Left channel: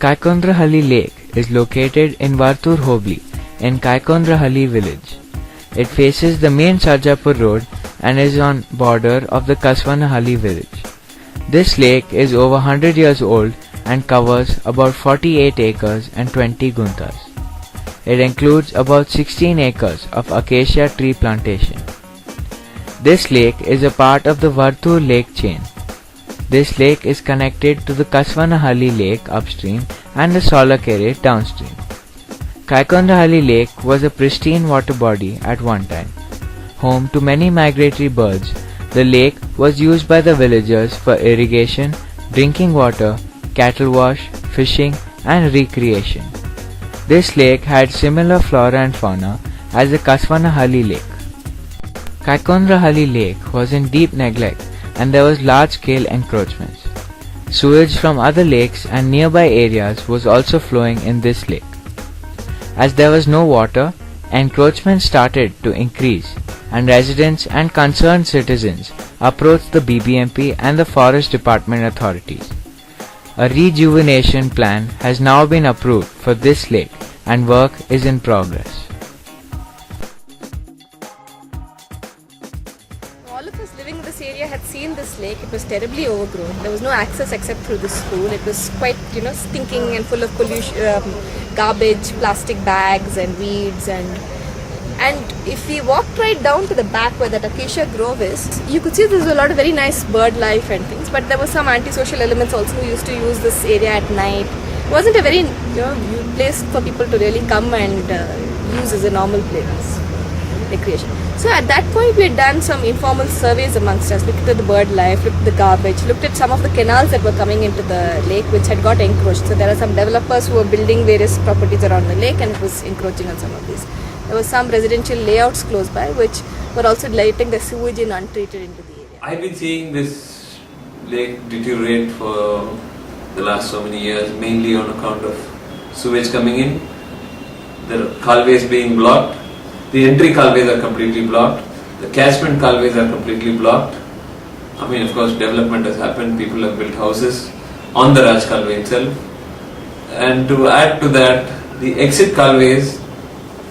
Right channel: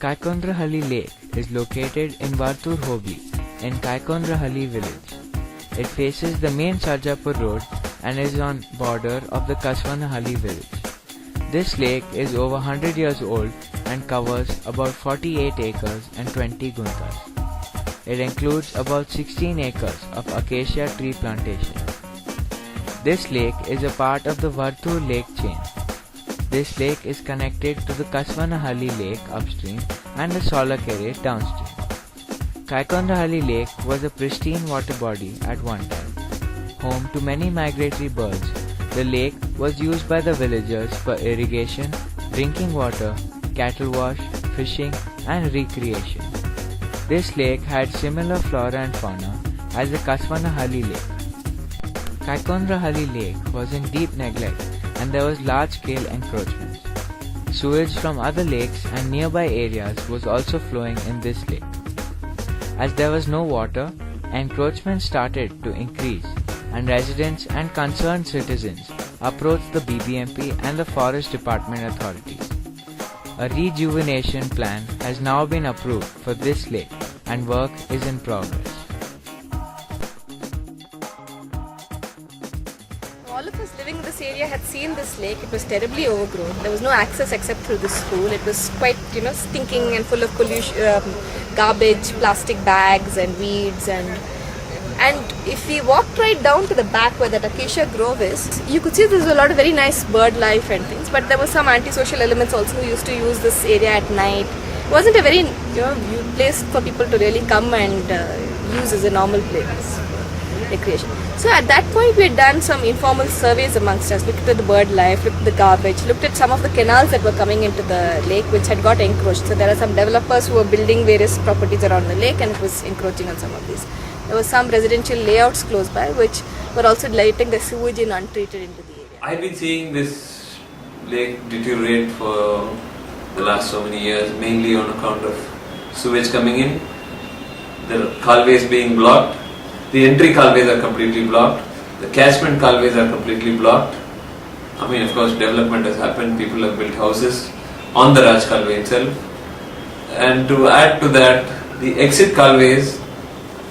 Kaikondrahalli Lake is located in Vartur Hobli in Kaikondrahalli village. It faces the main Sarjapur road and is on border of the Kaswanahalli village. This lake is over 100 years old and covers about 48 acres and 20 guntas. It includes about 16 acres of acacia tree plantation. This lake is a part of the Vartur lake chain. This lake is connected to the Kaswanahalli Lake upstream and the Solakere downstream. Kaikondrahalli Lake was a pristine water body at one time. Home to many migratory birds, the lake was used by the villagers for irrigation, drinking water, cattle wash, fishing and recreation. This lake had similar flora and fauna as the Kaswanahalli Lake. Kaikondrahalli Lake was in deep neglect and there was large-scale encroachments. Sewage from other lakes and nearby areas was also flowing in this lake. As there was no water, encroachment started to increase and residents and concerned citizens approached the BBMP and the Forest Department authorities. A rejuvenation plan has now been approved for this lake and work is in progress. All of us living in this area had seen this lake. It was terribly overgrown. There was no access except through the school. It was quite, stinking and full of pollution, garbage, plastic bags and weeds and if we walked right down to the back where that acacia grove is, you could see there's a lot of very nice bird life and things, but there were some antisocial elements also who used to use this area at night. It wasn't a very place for people to really come and use as a normal place for recreation. So at that point we had done some informal surveys amongst us, looked at the bird life, looked at the garbage, looked at some of the canals that were coming into the lake which had got encroached. So there are some developers who were building various properties around the lake and it was encroaching on some of these. There were some residential layouts close by which were also letting the sewage in untreated into the area. I've been seeing this lake deteriorate for the last so many years, mainly on account of sewage coming in, the culways being blocked, the entry culways are completely blocked, the catchment culways are completely blocked. I mean, of course, development has happened, people have built houses on the Raj Culway itself, and to add to that, the exit culways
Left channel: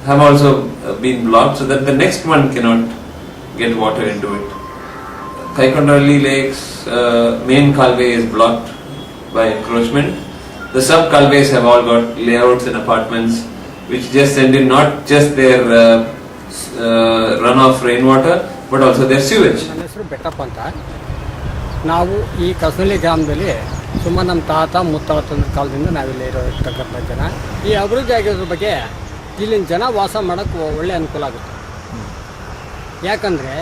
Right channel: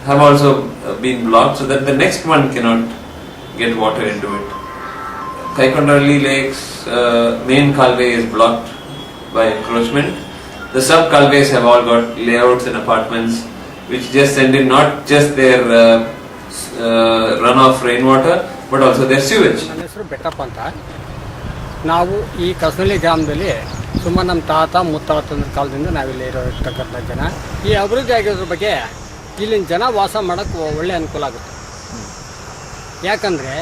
have also been blocked so that the next one cannot get water into it. Kaikondrahalli Lake's main culway is blocked by encroachment. The sub culways have all got layouts and apartments which just send in not just their runoff rainwater but also their sewage. ನಾವು ಈ ಕಸನಳ್ಳಿ ಗ್ರಾಮದಲ್ಲಿ ಸುಮಾರು ನಮ್ಮ ತಾತ ಮುತ್ತಾತನ ಕಾಲದಿಂದ ನಾವಿಲ್ಲಿ ಇರತಕ್ಕಂಥ ಜನ. ಈ ಅಭಿವೃದ್ಧಿ ಆಗಿರೋದ್ರ ಬಗ್ಗೆ ಇಲ್ಲಿನ ಜನ ವಾಸ ಮಾಡೋಕ್ಕೆ ಒಳ್ಳೆ ಅನುಕೂಲ ಆಗುತ್ತೆ. ಯಾಕಂದರೆ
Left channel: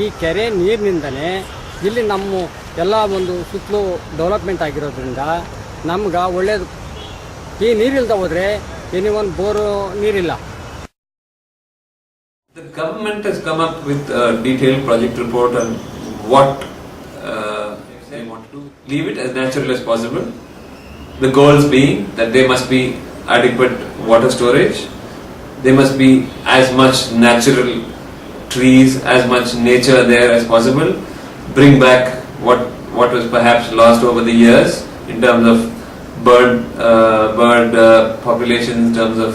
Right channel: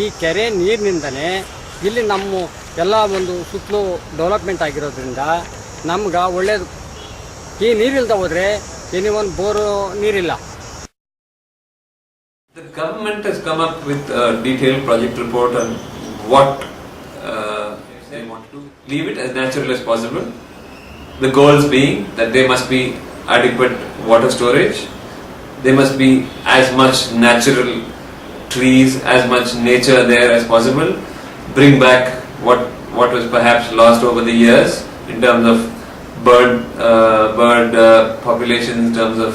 ಈ ಕೆರೆ ನೀರಿನಿಂದಲೇ ಇಲ್ಲಿ ನಮ್ಮ ಎಲ್ಲ ಒಂದು ಸುತ್ತಲೂ ಡೆವಲಪ್ಮೆಂಟ್ ಆಗಿರೋದ್ರಿಂದ ನಮ್ಗೆ ಒಳ್ಳೆಯದು. ಈ ನೀರಿಲ್ದ ಹೋದರೆ ಒಂದು ಬೋರು ನೀರಿಲ್ಲ. The government has come up with a detailed project report on what they want to do. Leave it as natural as possible. The goals being that there must be adequate water storage. There must be as much natural trees, as much nature there as possible. Bring back what was perhaps lost over the years in terms of bird population, in terms of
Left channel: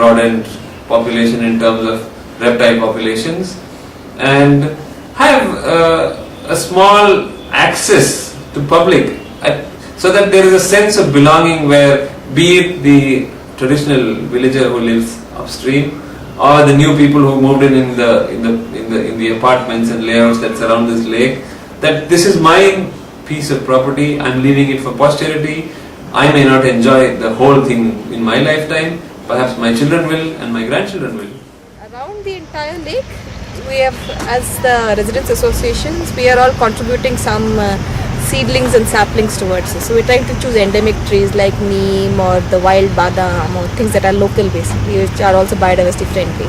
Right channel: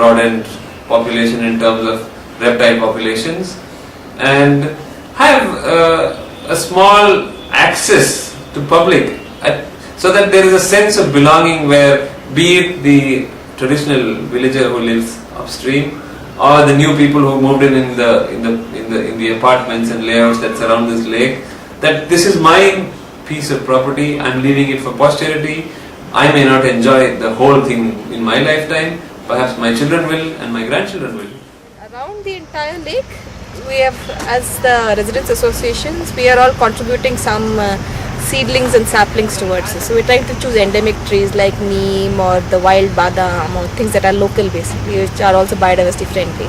rodent population, in terms of reptile populations, and have a small access to public so that there is a sense of belonging where, be it the traditional villager who lives upstream or the new people who moved in the apartments and layouts that surround this lake, that this is my piece of property, I'm leaving it for posterity. I may not enjoy the whole thing in my lifetime, perhaps my children will and my grandchildren will. Around the entire lake, we have, as the residents associations, we are all contributing some seedlings and saplings towards this. So we're trying to choose endemic trees like neem or the wild badam or things that are local basically, which are also biodiversity friendly.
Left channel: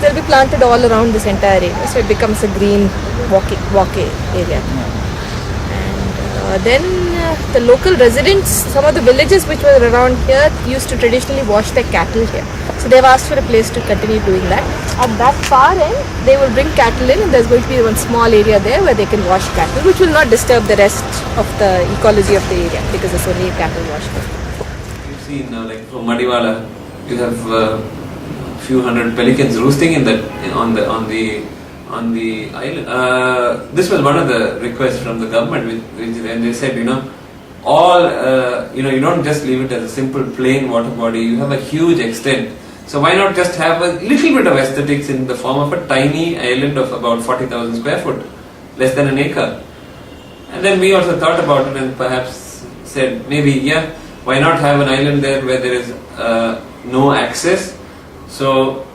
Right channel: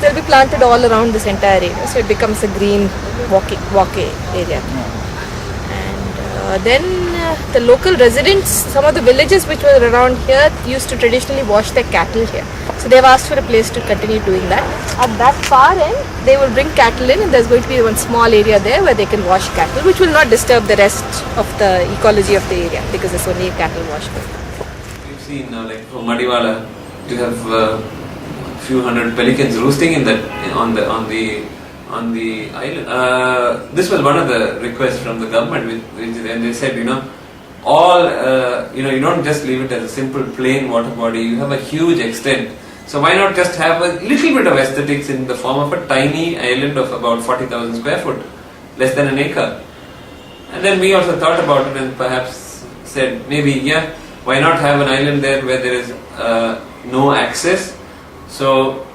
They'll be planted all around this entire area, so it becomes a green walkway area. And Then the local residents, some of the villages which were around here used to traditionally wash their cattle here. So they've asked for a place to continue doing that. At that far end, they will bring cattle in, and there's going to be one small area there where they can wash cattle, which will not disturb the rest of the ecology of the area because it's only cattle washing. We've seen like from Madiwala, you have few hundred pelicans roosting in that on the island. This was one of the requests from the government, and they said, you don't just leave it as a simple plain water body. You have a huge extent, so why not just have a little bit of aesthetics in the form of a tiny island of about 40,000 square foot, less than an acre. And then we also thought about it and perhaps said maybe why not have an island there where there is no access, so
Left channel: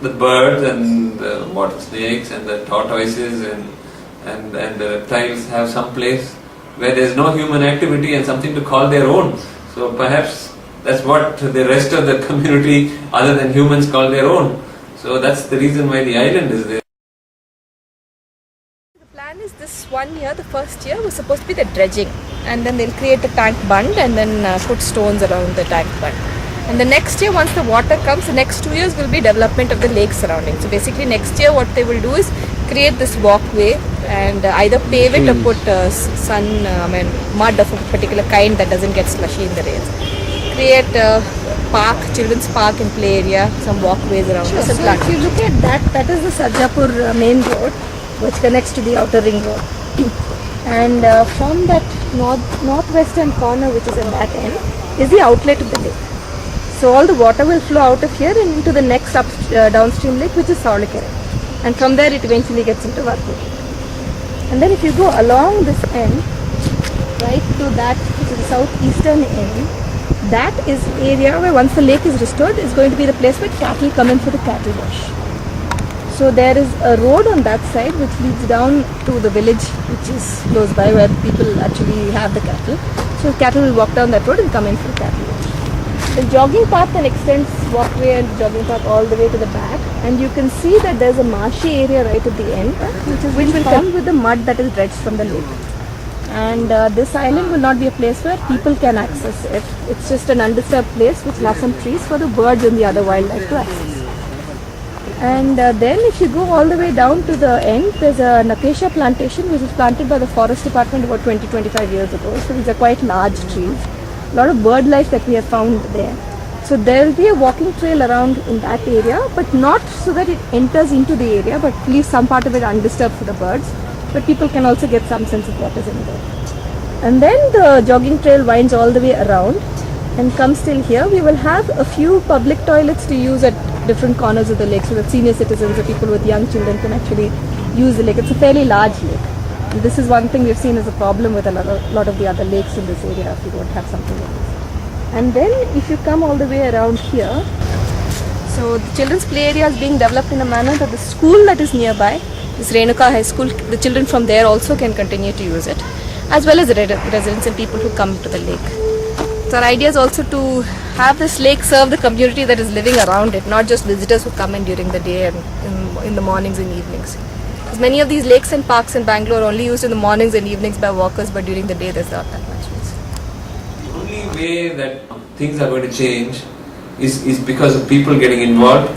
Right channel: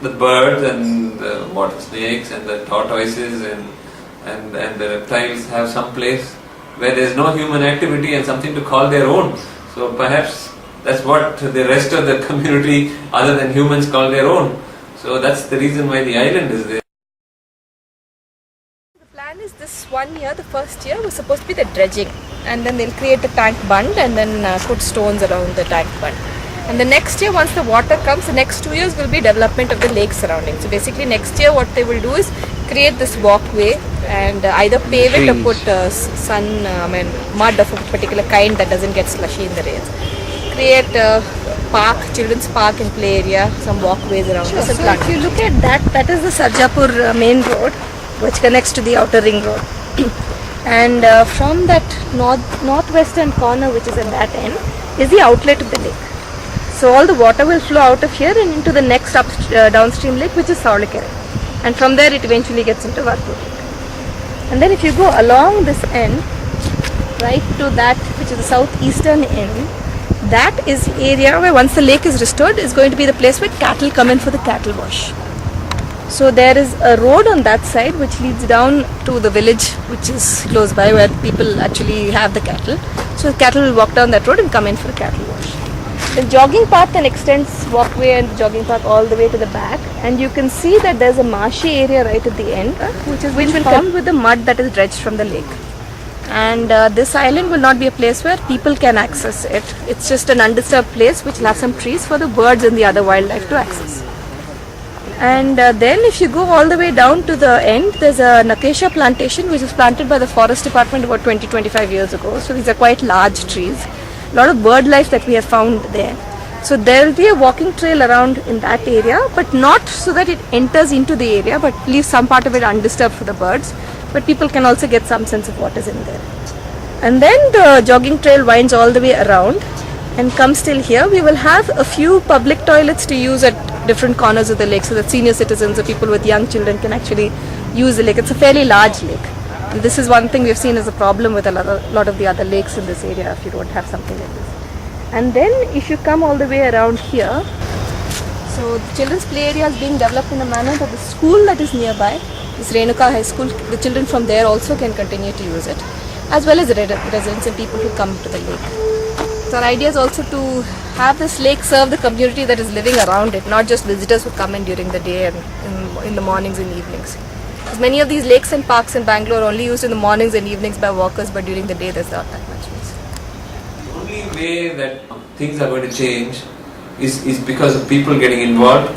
the birds and the water snakes and the tortoises and the reptiles have some place where there is no human activity and something to call their own. So perhaps that's what the rest of the community other than humans call their own. So that's the reason why the island is there. The plan is this 1 year, the first year was supposed to be the dredging, and then they'll create a tank bund and then put stones around the tank bund. And the next year, once the water comes, the next 2 years will be development of the lake surrounding. So basically next year what they will do is create this walkway and either pave it or put mud of a particular kind that doesn't get slushy in the rains. Create a park, children's park and play area, some walkways around. Sure. So if you look at that is the Sarjapur main road which connects to the outer ring road. And from that northwestern corner which is at that end is the outlet of the lake. So all the water will flow out of here and into the next downstream lake, which is Saulikere. And from there it eventually gets into Varpur Lake. And then if you go along this end, right to that which is the southeastern end, that is area where once the lake is restored is going to be the place where cattle come in for the cattle wash. So there is a road on that side which leads down to the village which is close by where people actually have the cattle. So the cattle will walk down that road and come in for the cattle wash. The jogging path then extends walkway and jogging path all the way to the back, and you can see that there's a marshy area right at the end which will come with the mud that is dredged from the lake. And this island will not be a place where people can access it. It's just an undisturbed place which will have some trees for the birds and the other wildlife to access. And then if you go all the way down to the end, there's an acacia plantation which was planted by the forest department about 20-25 years ago. So these are quite large trees. A lot of bird life that we have found there. So there will be a walking trail around in that area, but not so that it enters into the area, but leaves some part of it undisturbed for the birds. But people can also get some sense of what is in there. And then the jogging trail winds all the way around and comes till here. We will have a few public toilets to use at different corners of the lake so that senior citizens or people with young children can actually use the lake. It's a fairly large lake. And this is one thing we've seen as a problem with a lot of the other lakes in this area if you don't have something like this. And then if you come all the way around here, so the children's play area is being developed in a manner that the school that is nearby, this Renuka High School, the children from there also can continue to use it, as well as the residents and people who come to the lake. So our idea is also to have this lake serve the community that is living around it, not just visitors who come in during the day and in the mornings and evenings. Because many of these lakes and parks in Bangalore are only used in the mornings and evenings by walkers, but during the day there's not that much use. The only way that things are going to change is because of people getting involved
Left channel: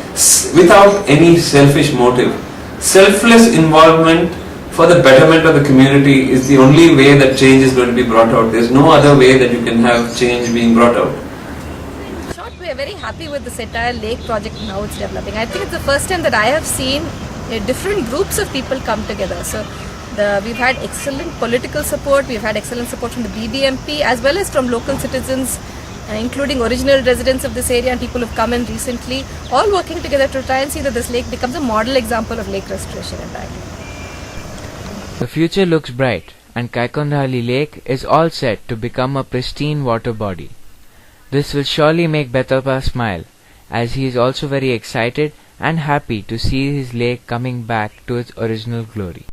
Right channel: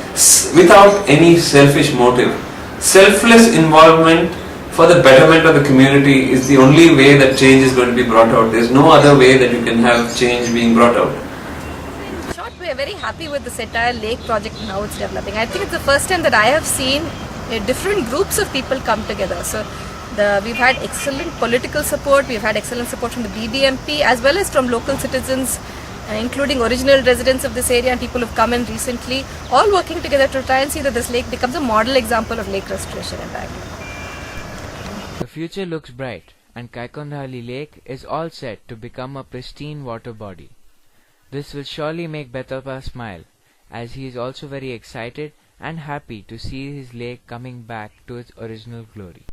without any selfish motive. Selfless involvement for the betterment of the community is the only way that change is going to be brought out. There's no other way that you can have change being brought out. In short, we are very happy with this entire lake project and how it's developing. I think it's the first time that I have seen different groups of people come together. So we've had excellent political support, we've had excellent support from the BBMP as well as from local citizens, including original residents of this area and people who've come in recently, all working together to try and see that this lake becomes a model example of lake restoration in Bangalore. The future looks bright, and Kaikondrahalli Lake is all set to become a pristine water body. This will surely make Betapa smile, as he is also very excited and happy to see his lake coming back to its original glory.